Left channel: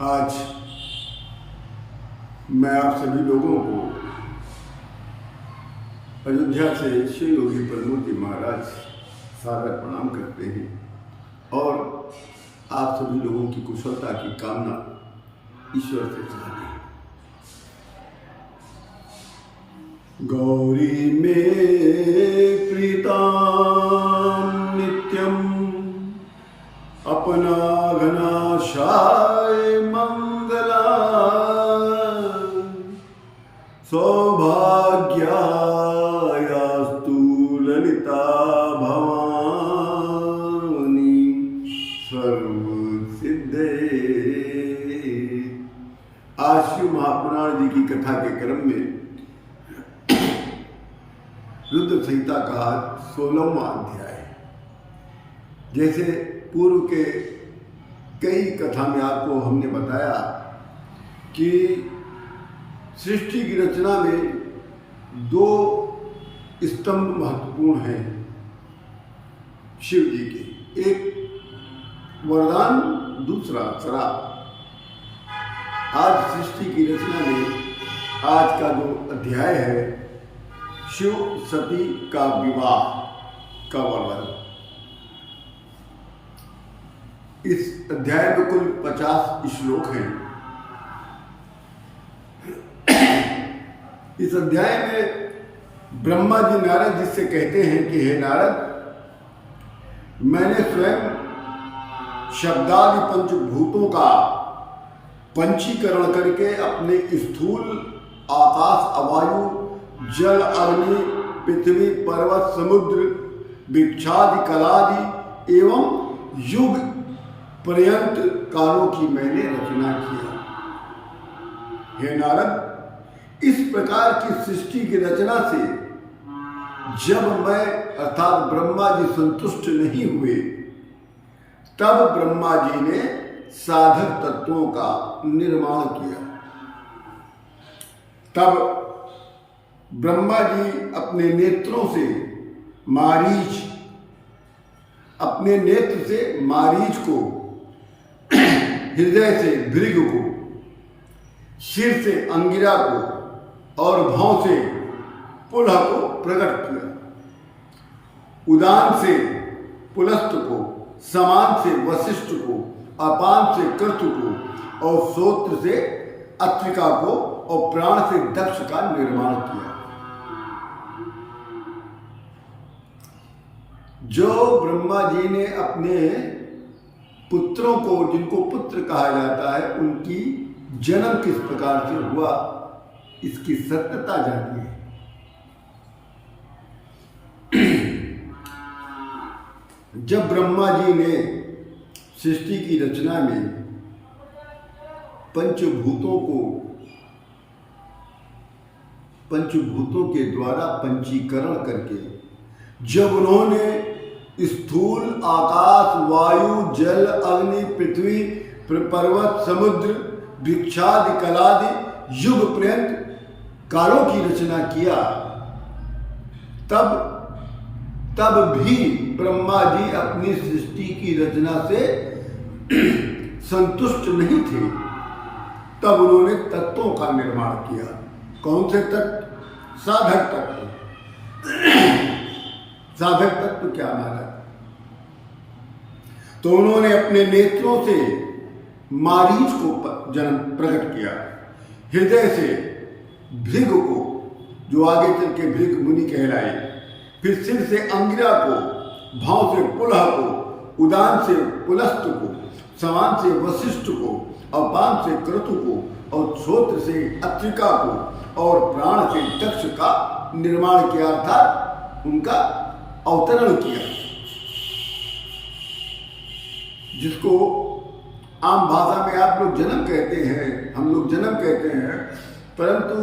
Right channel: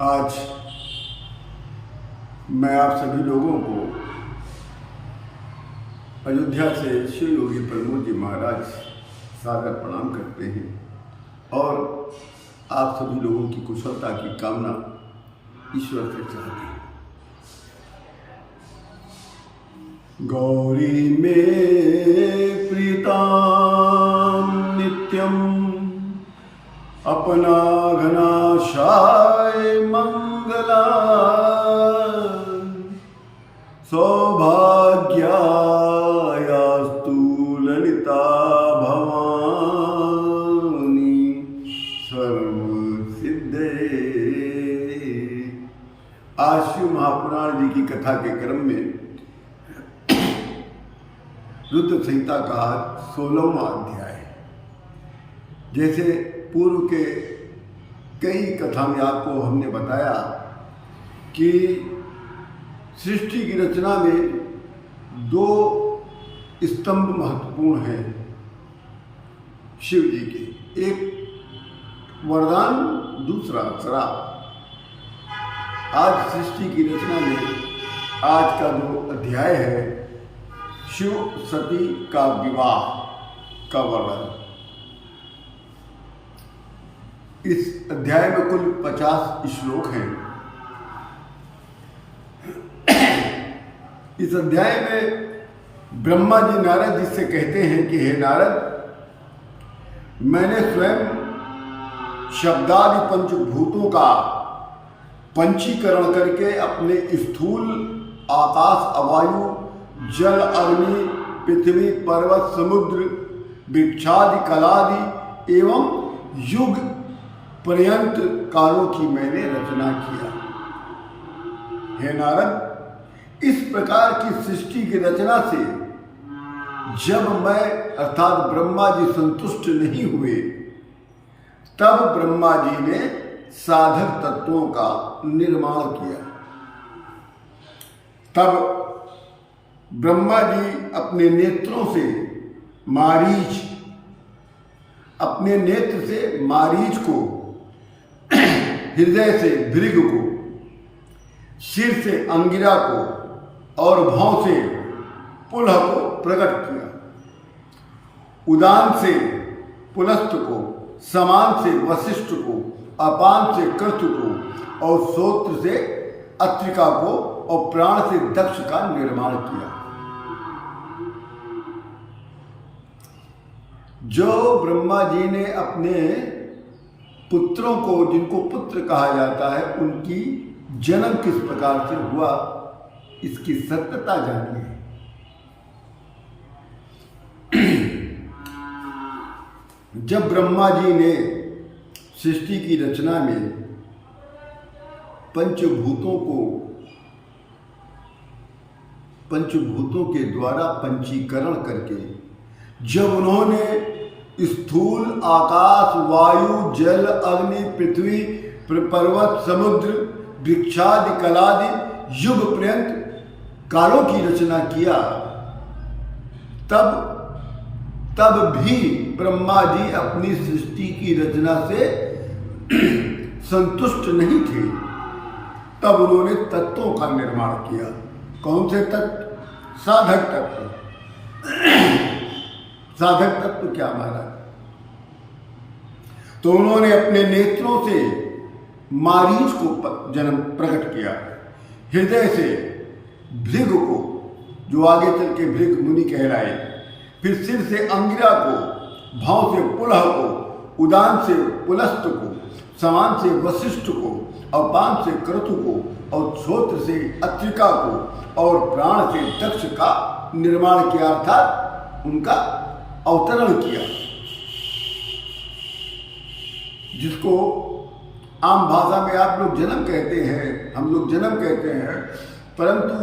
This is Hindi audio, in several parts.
आज मैं आप सभी लोगों को अयोध्या से श्री योगी प्रमोद जी महाराज सादर प्रणाम करते हैं और आप सभी लोगों की कुशलता की कामना ईश्वर से चाहते हैं। गौरी में प्रीताम नित्यम अपना घनाशाय मंगला सौभाग्यायास्तु ललिता भवानी सर्व सिद्धे। आज शिव महापुराण जी की कथा के क्रम में रुद्र संहिता का 16वां अध्याय। जैसे पूर्व के कई कथा में आपको हमने बताया कि सृष्टि की रचना में दो स्तंभ महत्वपूर्ण हैं शिव जी के, एक वरदान, दूसरा श्राप। आज सृष्टि की रचना में आज का जो अध्याय है शिव सती का विवाह का वर्णन। इस अध्याय में कुल 50 श्लोक हैं। इस अध्याय में ब्रह्मा जी नारद जी से कहते हैं कि हे नारद, मैंने स्वयं शब्दादि पंचभूतों का पंचीकरण करके अपने स्थूल आकाश, अवायु, जल, अग्नि, पृथ्वी, पर्वत, समुद्र, वृक्षादि, कलादि एवं युग पर्यंत कालों की मैंने रचना किया। हे नारद, इस प्रकार की सृष्टि की रचना से जब मैं अर्थात ब्रह्मा जी संतुष्ट नहीं हुए, तब ब्रह्मा जी ने साधक तत्वों का निर्माण किया। तब ब्रह्मा जी अपने नेत्रों से मारीच को, हृदय से भृग को, सिर से अंगिरा को और भौं से पुलह को प्रकट किया। उदान से पुलस्त को, समान से वशिष्ठ को, अपान से क्रतु को और श्रोत्र से अत्रिका को और प्राण से दक्ष का निर्माण किया। जो ब्रह्मा जी ने अपने पुत्रों को, जिनको पुत्र कहा जाता है, उनकी जन्म किस प्रकार से हुआ, इसकी सत्यता जानिए। जब ब्रह्मा जी ने सृष्टि की रचना में पंचभूतों के द्वारा पंचीकरण करके जब उन्होंने स्थूल आकाश, वायु, जल, अग्नि, पृथ्वी, पर्वत, समुद्र, वृक्षादि, कलादि, युग पर्यंत कालों की रचना किया, तब भी ब्रह्मा जी अपनी सृष्टि की रचना से संतुष्ट नहीं थे। तब उन्होंने तत्वों का निर्माण किया। कौन से तत्व? साधक तत्व। साधक तत्व क्या महाराज? तो उन्होंने अपने नेत्रों से मारीच को जन्म प्रकट किया, हृदय से भृग को, जो आगे चल के भृग मुनि कहलाए, फिर सिर से अंगिरा को, भौं से पुलह को, उदान से पुलस्त को, समान से वशिष्ठ को, अपान से क्रतु को और श्रोत्र से अत्रिका को और प्राण से दक्ष का निर्माण किया, अर्थात उनका अवतरण किया। जिसको आम भाषा में आप लोग जन्म कहते हैं, हम लोग जन्म कहते हैं, परंतु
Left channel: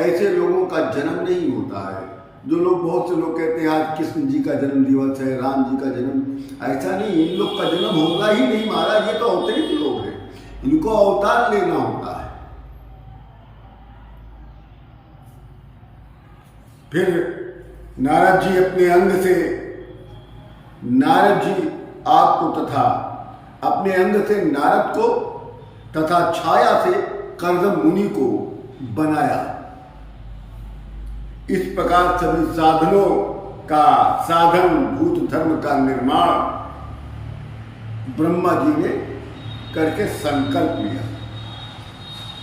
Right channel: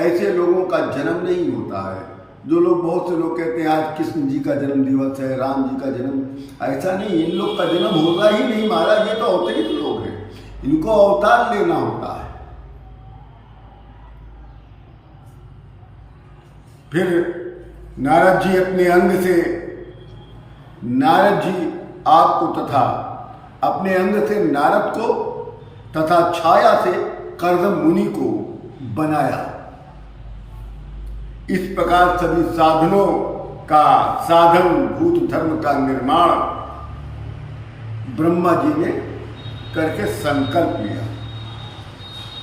ऐसे लोगों का जन्म नहीं होता है। जो लोग, बहुत से लोग कहते हैं आज कृष्ण जी का जन्म दिवस है, राम जी का जन्म, ऐसा नहीं, इन लोग का जन्म होगा ही नहीं महाराज। ये तो अवतरित लोग हैं, इनको अवतार लेना होता है। फिर नारद जी अपने अंग से, नारद जी आपको तथा अपने अंग से नारद को तथा छाया से कर्दम मुनि को बनाया। इस प्रकार सभी साधनों का साधन भूत धर्म का निर्माण ब्रह्मा जी ने करके संकल्प लिया।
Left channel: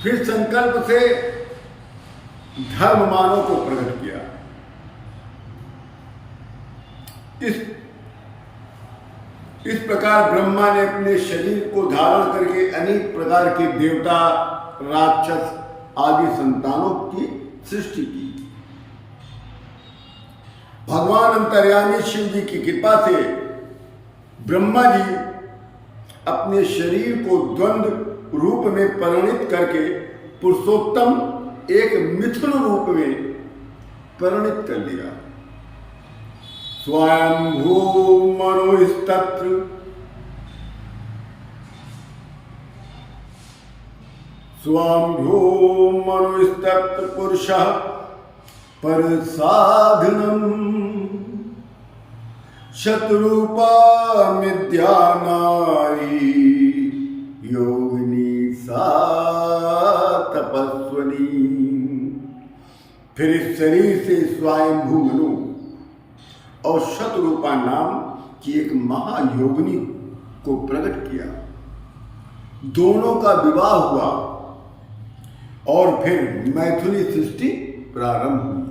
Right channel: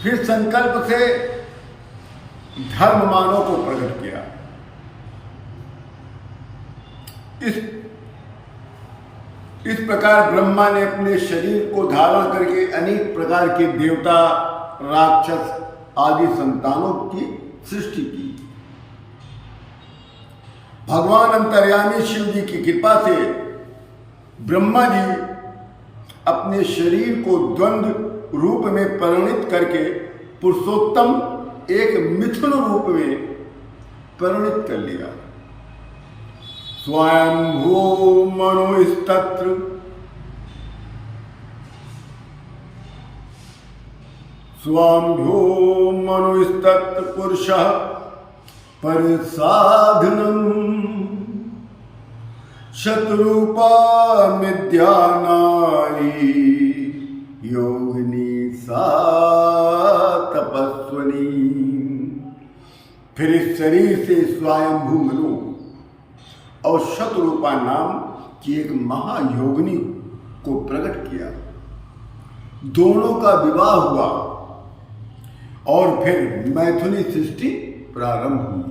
फिर संकल्प से धर्ममानों को प्रकट किया। इस प्रकार ब्रह्मा ने अपने शरीर को धारण करके अनेक प्रकार के देवता, राक्षस आदि संतानों की सृष्टि की। भगवान अंतर्यामी शिव जी की कृपा से ब्रह्मा जी अपने शरीर को द्वंद्व रूप में परिणित करके पुरुषोत्तम एक मिथुन रूप में परिणित कर लिया। स्वयंभू मनोस्तत्र स्वयंभू मनोस्तत्र पुरुषः पर साधनम शत्रुपा मिद्या नारी योगिनी सा तपस्वनी। फिर इस शरीर से स्वयंभू मनु और शत्रुपा नाम की एक महायोगिनी को प्रकट किया। दोनों का विवाह हुआ और फिर मैथुनी सृष्टि प्रारंभ हुई।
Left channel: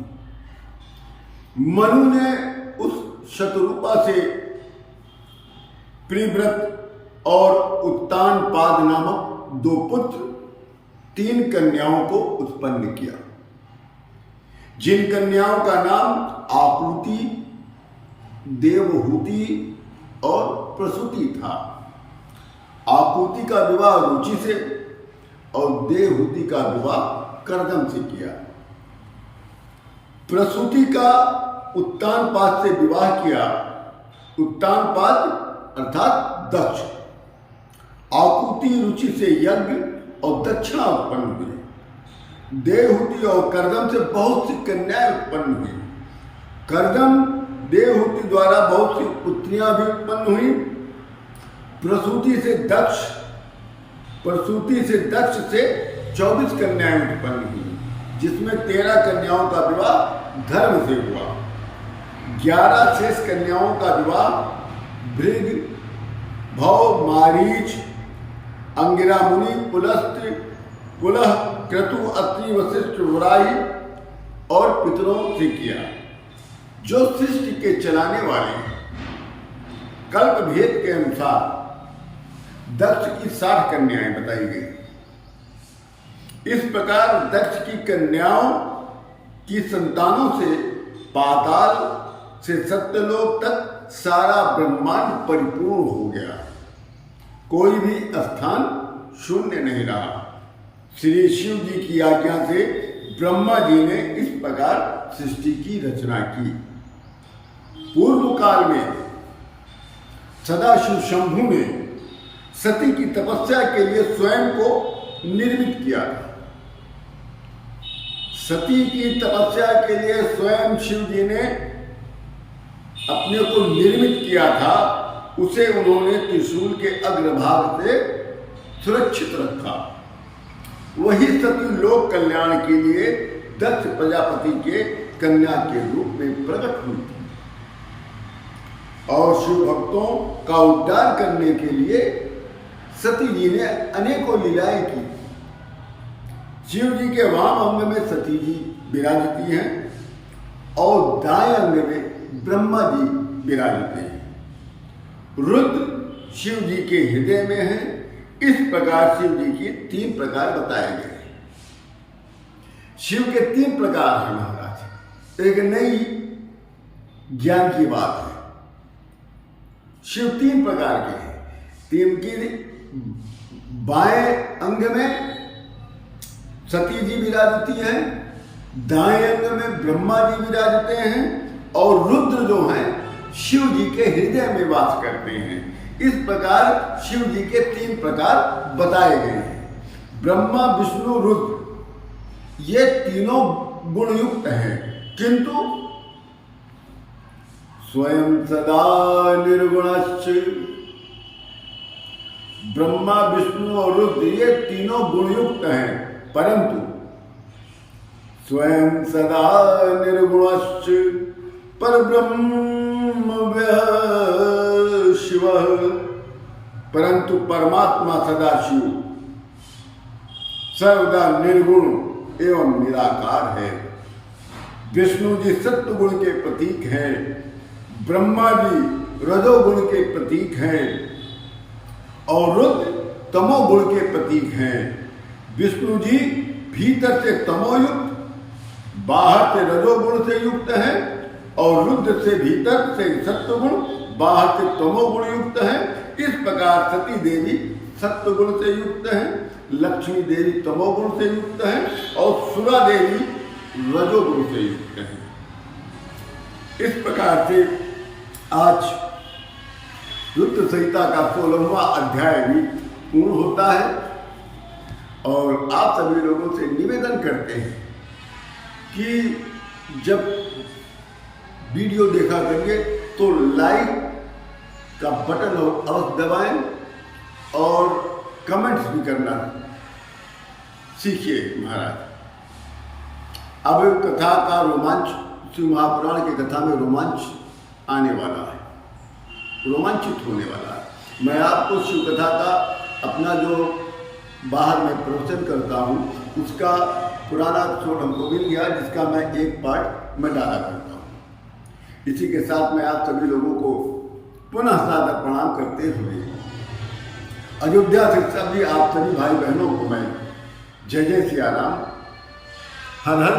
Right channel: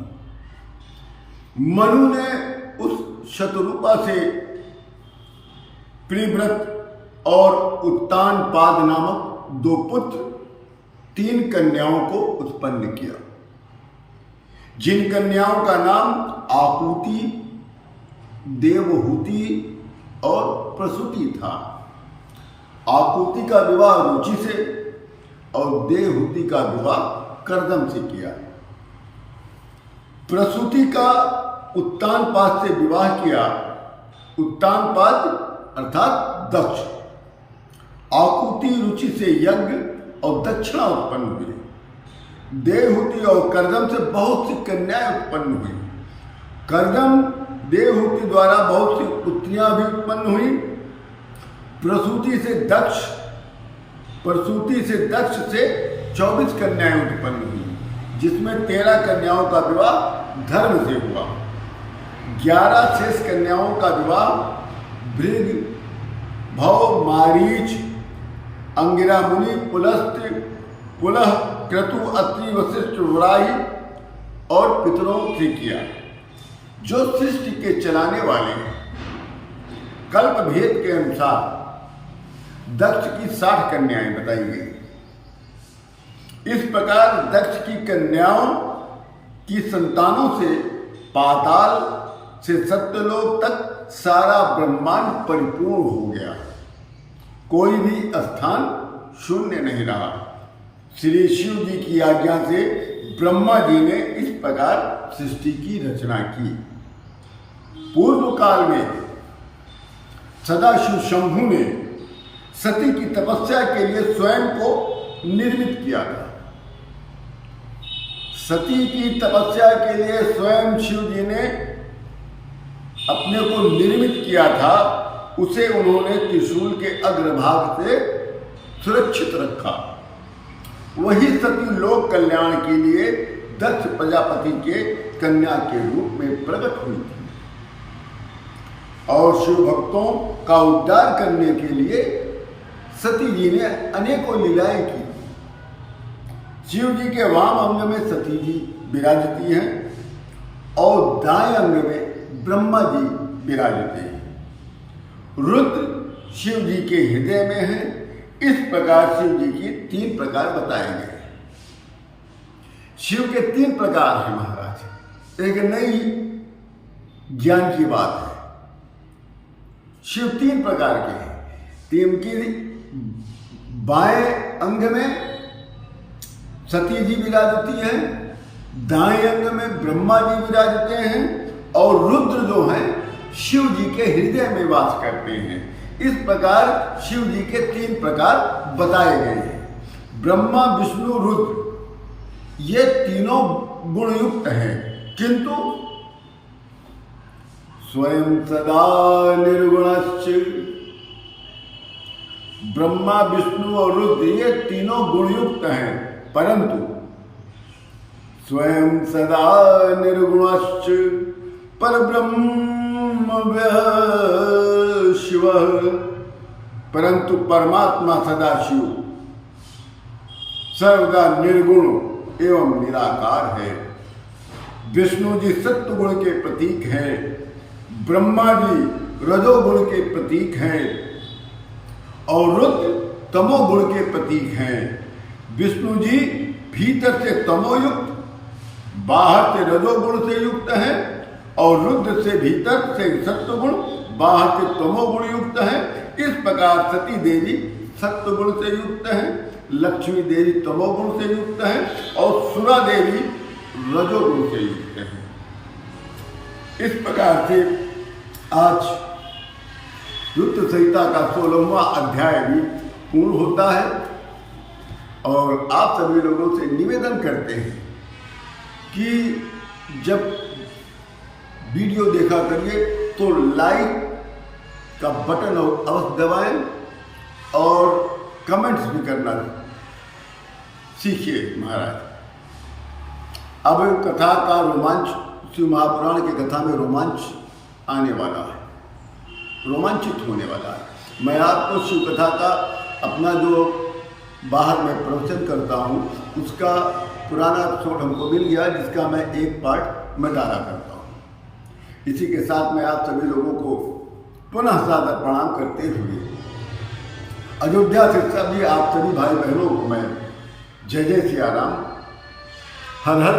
मनु ने उस शतरूपा से प्रिव्रत और उत्तानपाद नामक 2 पुत्र 3 कन्याओं को उत्पन्न किया, जिन कन्याओं का नाम आकुति, देवहूति और प्रसूति था। आकुति का विवाह रुचि से और देवहूति का विवाह कर्दम से किया। प्रसूति का उत्तानपाद से विवाह किया। उत्तानपाद अर्थात दक्ष। आकुति रुचि से यज्ञ और दक्षिणा उत्पन्न हुई। देवहूति और कर्दम से बहुत सी कन्याएं उत्पन्न हुई। कर्दम देवहूति द्वारा बहुत सी पुत्रियां भी उत्पन्न हुई। प्रसूति से दक्ष से 24 कन्याएं उत्पन्न हुई, जिसमें 13 कन्याओं का विवाह धर्म से हुआ। 11 शेष कन्याओं का विवाह भृग, भव, मारीच, अंगिरा मुनि, पुलस्त्य, पुलह, क्रतु, अत्रि, वशिष्ठ, वराही और पितरों से किया, जो सृष्टि के चलाने वाले कल्प भेद के अनुसार दक्ष की 60 कन्याएं बताई गई। इस प्रकार दक्ष की कन्याओं की संतानों से पाताल से सत्यलोक तक सारा ब्रह्मांड परिपूर्ण हो गया। कोई भी स्थान शून्य नहीं रहा। श्री शिव जी की आज्ञा से ब्रह्मा जी ने इस प्रकार सृष्टि की रचना की। पूर्व काल में सदाशिव शंभु ने सती की तपस्या के लिए स्वयं को निर्मित किया था। सती की तपस्या के लिए स्वयं शिव जी ने अपने को निर्मित किया था। उसे उन्होंने त्रिशूल के अग्रभाग से सुरक्षित रखा। वही सती लोक कल्याण के लिए दक्ष प्रजापति के कन्या के रूप में प्रकट हुई थी और शिव भक्तों का उद्धार करने के लिए सती जी ने अनेकों लीलाएं की। शिव जी के वाम अंग में सती जी विराजती हैं और दाएं अंग में ब्रह्मा जी विराजते हैं। रुद्र शिव जी के हृदय में है। इस प्रकार शिव जी की 3 प्रकार बताए गए। शिव के 3 प्रकार हैं महाराज। एक नई ज्ञान की बात है। शिव 3 प्रकार के हैं। 3 की बाएं अंग में सती जी विराजती हैं, दाएं अंग में ब्रह्मा जी विराजते हैं और रुद्र जो हैं शिव जी के हृदय में वास करते हैं। इस प्रकार शिव जी के 3 प्रकार बताए गए हैं। ब्रह्मा, विष्णु, रुद्र ये तीनों गुणयुक्त हैं, किंतु स्वयं सदा निर्गुणश्च ब्रह्मा, विष्णु और रुद्र ये तीनों गुणयुक्त हैं, परंतु स्वयं सदा निर्गुणश्च परब्रह्म शिव, परंतु परमात्मा सदाशिव सर्वदा निर्गुण एवं निराकार है। विष्णु जी सत्व गुण के प्रतीक हैं, ब्रह्मा जी रजोगुण के प्रतीक हैं और रुद्र तमोगुण के प्रतीक हैं। विष्णु जी भीतर से तमोयुक्त, बाहर से रजोगुण से युक्त है और रुद्र से भीतर से सत्वगुण, बाहर से तमोगुण युक्त है। इस प्रकार सती देवी सत्वगुण से युक्त है, लक्ष्मी देवी तमोगुण से युक्त है और सुरा देवी रजोगुण से युक्त है। इस प्रकार से आज रुद्र संहिता का 16वां अध्याय भी पूर्ण होता है और आप सभी लोगों से निवेदन करते हैं कि जब वीडियो देखा करिए तो लाइक का बटन अवश्य दबाएं और कमेंट्स भी करना सीखिए महाराज। अब कथा का रोमांच, शिव महापुराण की कथा में रोमांच आने वाला है, रोमांचित होने वाला है। मैं आपको शिव कथा का अपना जो बाहर में प्रवचन करता हूँ उसका पुराना एपिसोड हमको मिल गया, जिसका मैं एक पार्ट मैं डाला करता हूँ। इसी के साथ मैं आप सभी लोगों को पुनः सादर प्रणाम करते हुए अयोध्या से सभी आप सभी भाई बहनों को मैं जय जय सिया राम, हर हर